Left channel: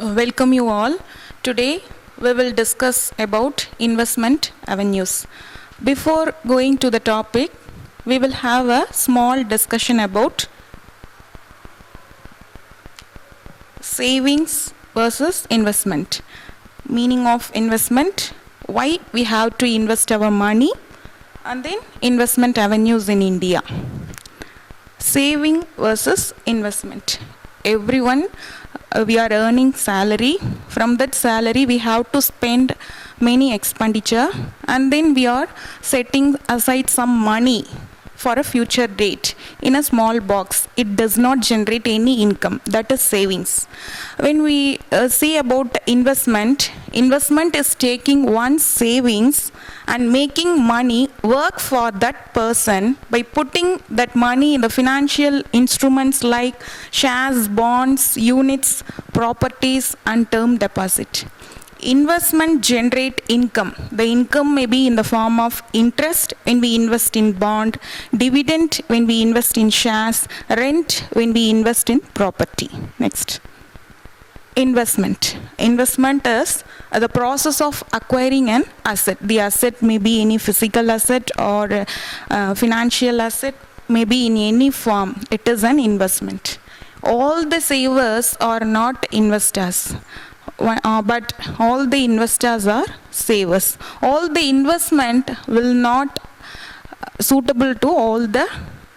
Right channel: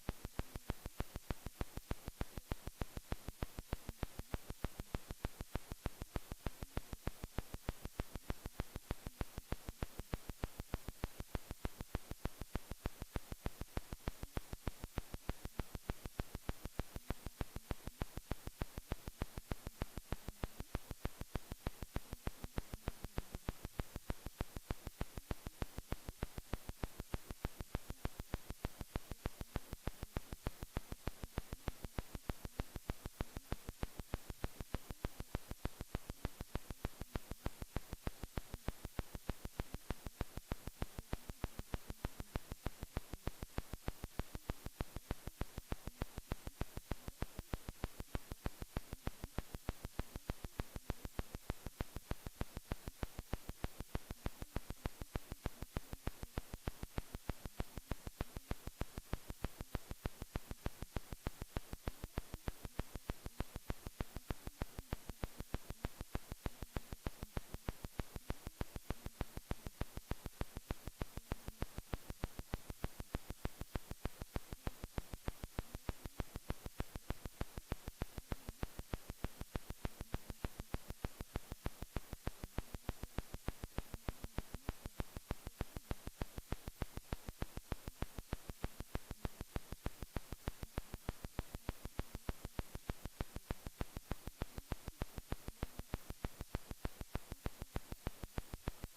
Welcome you all. Today we will discuss about investment avenues. Before going to the topic, we will have a small discussion about savings versus investment. Meaning of investment, why we have to invest our money, and then investment avenues in India. Saving versus investment. Everyone, we are earning salary. From that salary we have to spend many expenditure, and then we are setting aside some money for a future date in a small box. It does not generate any income. That is savings. When we see about investment is taking one's savings and making money work for that person by putting that money in the financial instruments like shares, bonds, units, properties, and term deposit. Investment generate income. The income may be in the form of interest when we invest in bond, dividend when we invest in shares, rent when we invest in property. Next. Investment. Investment is the process of acquiring an asset. The asset may be any physical asset or financial asset, may be in any form. It is an investment. All the savers are not investors. But all the investors are savers. All the investment will not suitable to all the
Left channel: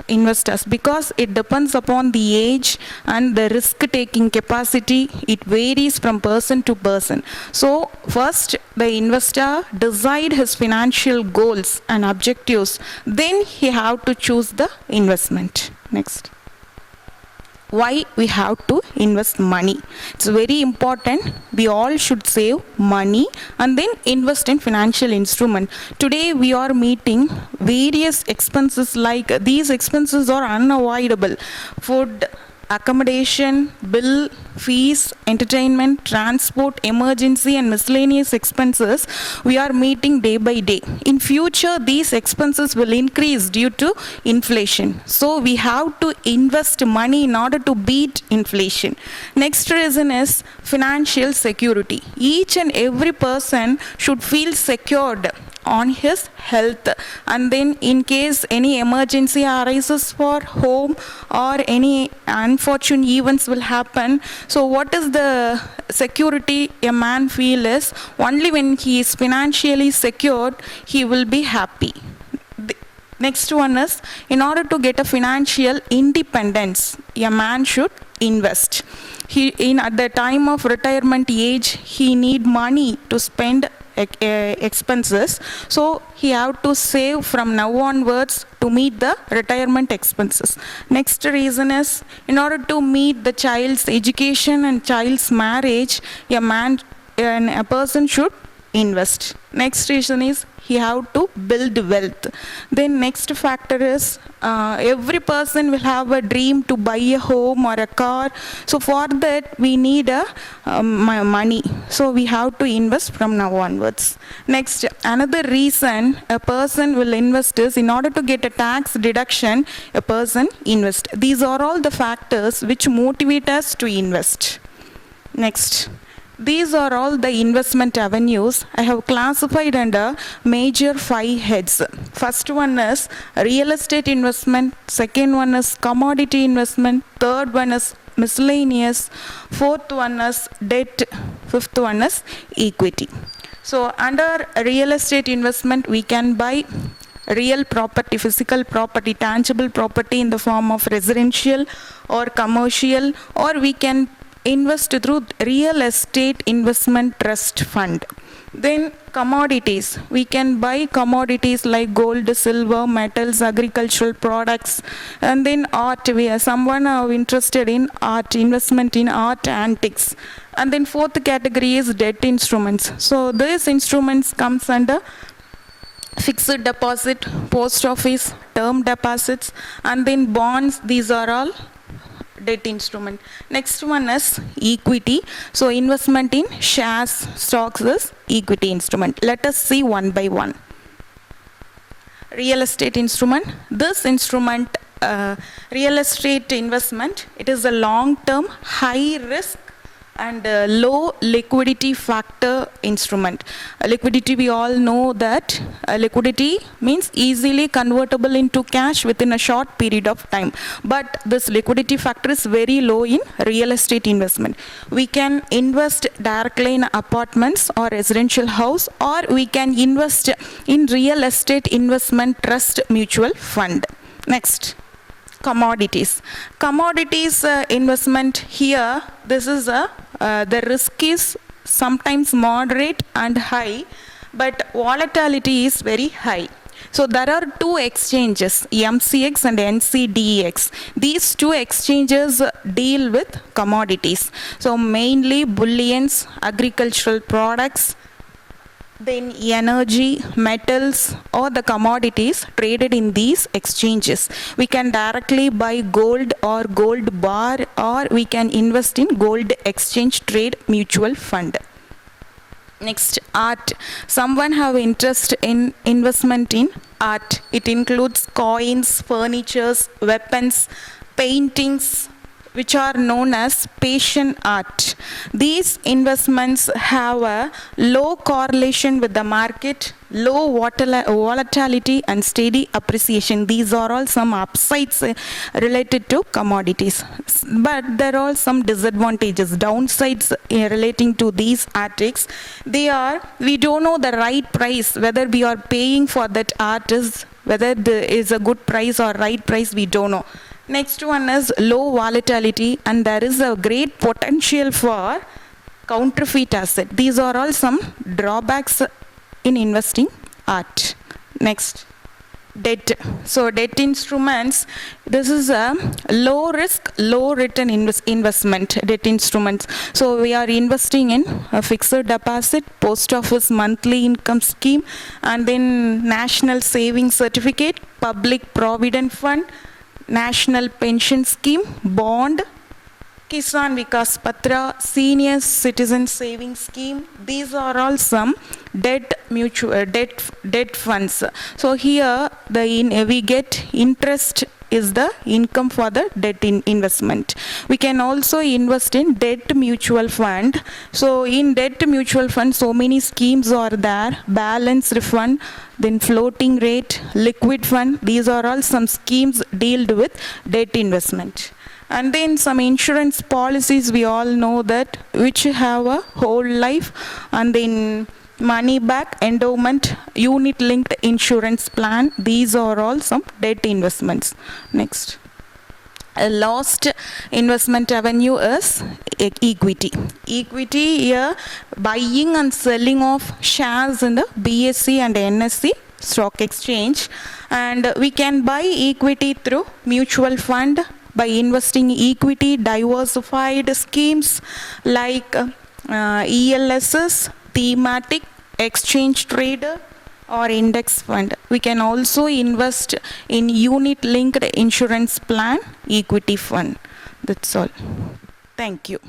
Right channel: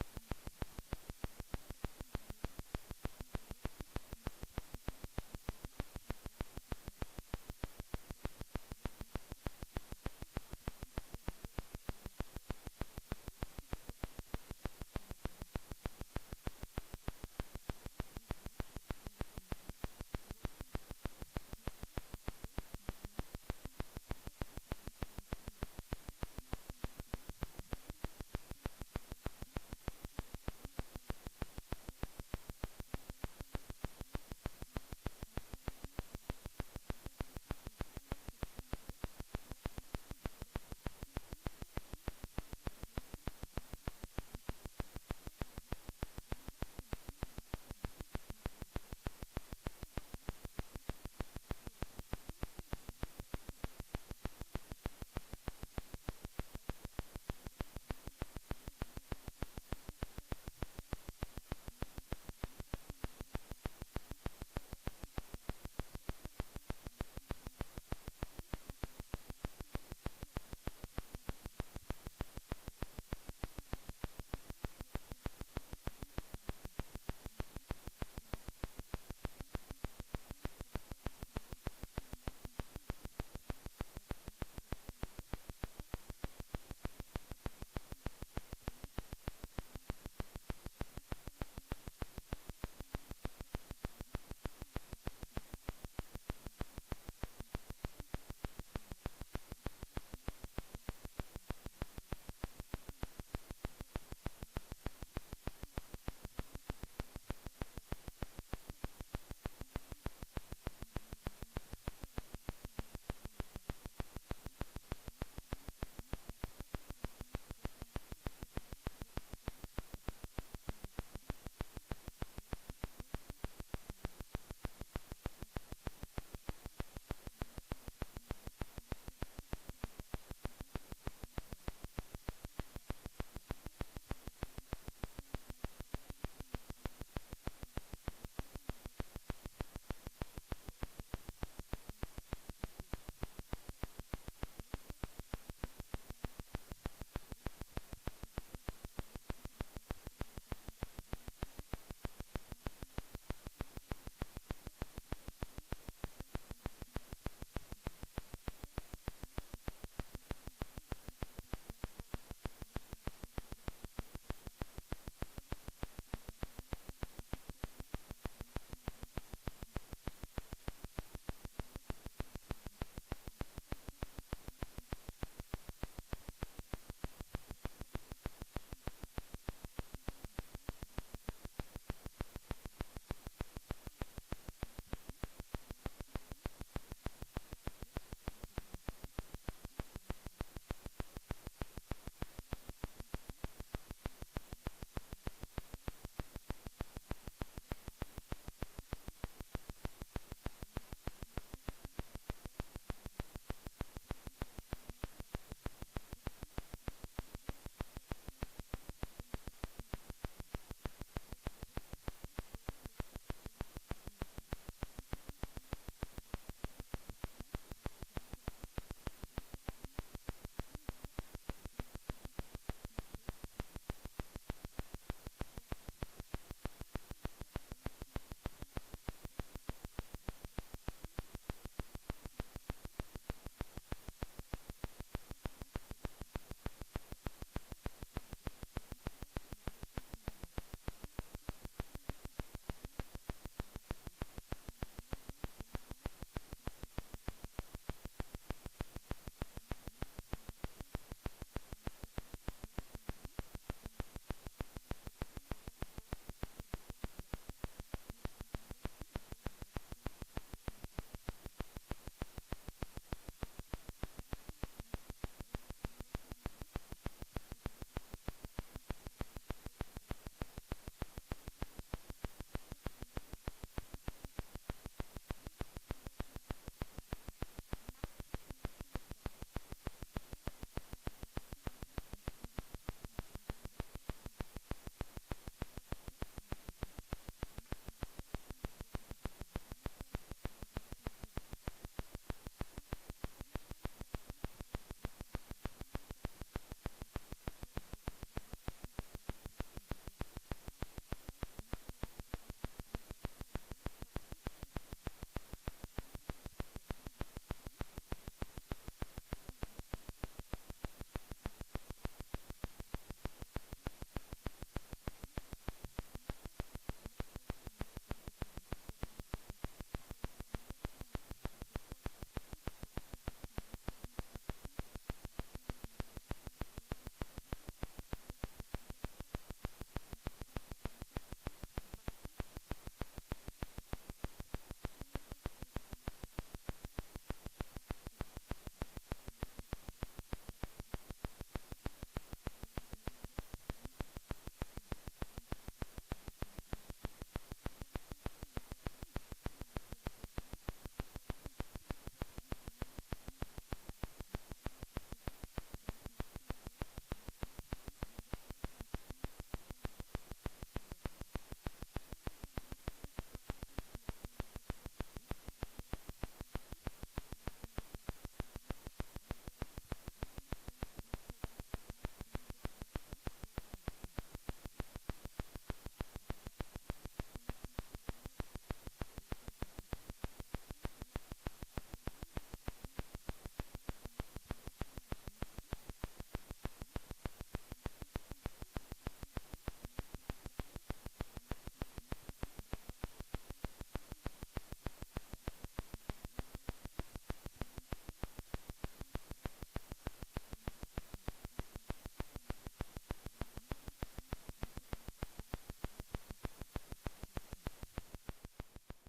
investors because it depends upon the age and the risk taking capacity. It varies from person to person. So first the investor decide his financial goals and objectives, then he have to choose the investment. Next. Why we have to invest money? It's very important. We all should save money and then invest in financial instrument. Today we are meeting various expenses, like these expenses are unavoidable. Food, accommodation, bill, fees, entertainment, transport, emergency and miscellaneous expenses we are meeting day by day. In future these expenses will increase due to inflation. So we have to invest money in order to beat inflation. Next reason is financial security. Each and every person should feel secured on his health, and then in case any emergency arises for home or any unfortunate events will happen, so what is the security a man feel is only when he is financially secured he will be happy. Next one is, in order to get a financial independence, a man should invest. At the time of retirement age, he need money to spend expenses, so he have to save from now onwards to meet the retirement expenses. Next reason is, in order to meet the child's education and child's marriage, a person should invest. Next reason is he have to build wealth. Then next factor is every person will have a dream to buy a home or a car. So for that we need money. So we have to invest from now onwards. Next, another reason a person will invest is in order to get a tax deduction, a person invest. These are all the factors which motivate us to invest. Next. These are all the investment avenues I have classified under major 5 heads. First one is real estate investment, second one is commodity investment, third one is miscellaneous, fourth one is debt, fifth one is equity. So under real estate investment we can buy real property, physical property, tangible property in the form of residential or commercial, or we can invest through real estate investment trust fund. Then commodities, we can buy commodities like gold, silver, metals, agricultural products, and then art. Someone are interested in art, investment in art, antiques. And then fourth category is debt instruments. So these instruments comes under fixed deposit, post office, term deposits, and then bonds. These are all debt instrument. Next one is equity. So investment in shares, stocks is equity instrument. Let us see one by one. Real estate instrument. This instrument, real estate investment, it is a long-term, high-risk and low liquidity factor instrument. Liquidity, we all know that liquidity means easily convertible into cash within a short period of time. But this liquidity factor is very low in real estate investment. We can invest directly in apartments or residential house, or we can invest in real estate investment trust mutual fund. Next. Commodities. Commodities investment here, this is the risk is sometimes moderate and high, but volatility is very high. So there are two exchanges, MCX and NCDEX. These two exchanges deal with commodities. So mainly bullions, agricultural products, then energy, metals, or the commodities traded in these exchanges. We can directly buy gold or gold bar, or we can invest in gold exchange trade mutual fund. Next, art. Someone have interest in investment in art. It includes coins, furnitures, weapons, paintings, which are known as patient art. These investments have a low correlation with the market, low volatility and steady appreciation. These are all some upsides related to commodities. But there are some disadvantages, downsides relating to these artists. We don't know the right price, whether we are paying for that art whether there is a good price or right price, we don't know. Next one is low volatility, and there is a great potential for counterfeit asset. These are all some drawbacks in investing art. Next, debt. So debt instruments, this is a low risk, low return investment, debt instruments. So we are investing in a fixed deposit, post office monthly income scheme, and then national savings certificate, public provident fund, national pension scheme, bond, Kisan Vikas Patra, senior citizen savings scheme. These are all some debt funds. So here we get interest is the income for the debt investment. We can also invest in debt mutual fund. So in debt mutual fund, so many schemes are there: balanced fund, then floating rate, liquid fund. These are all some schemes dealt with debt investment. And then some insurance policies, we all know that, which have a whole life, and then money back, endowment, unit linked insurance plan. These are all some debt investments. Next. A last investment avenue is equity. Equity here, buying and selling of shares in the BSE and NSE stock exchange. And we can buy equity through mutual fund by investing equity diversified schemes like ELSs, thematic, exchange trader, or index fund. We can also invest in unit linked insurance plan, equity fund. That's all. Thank you.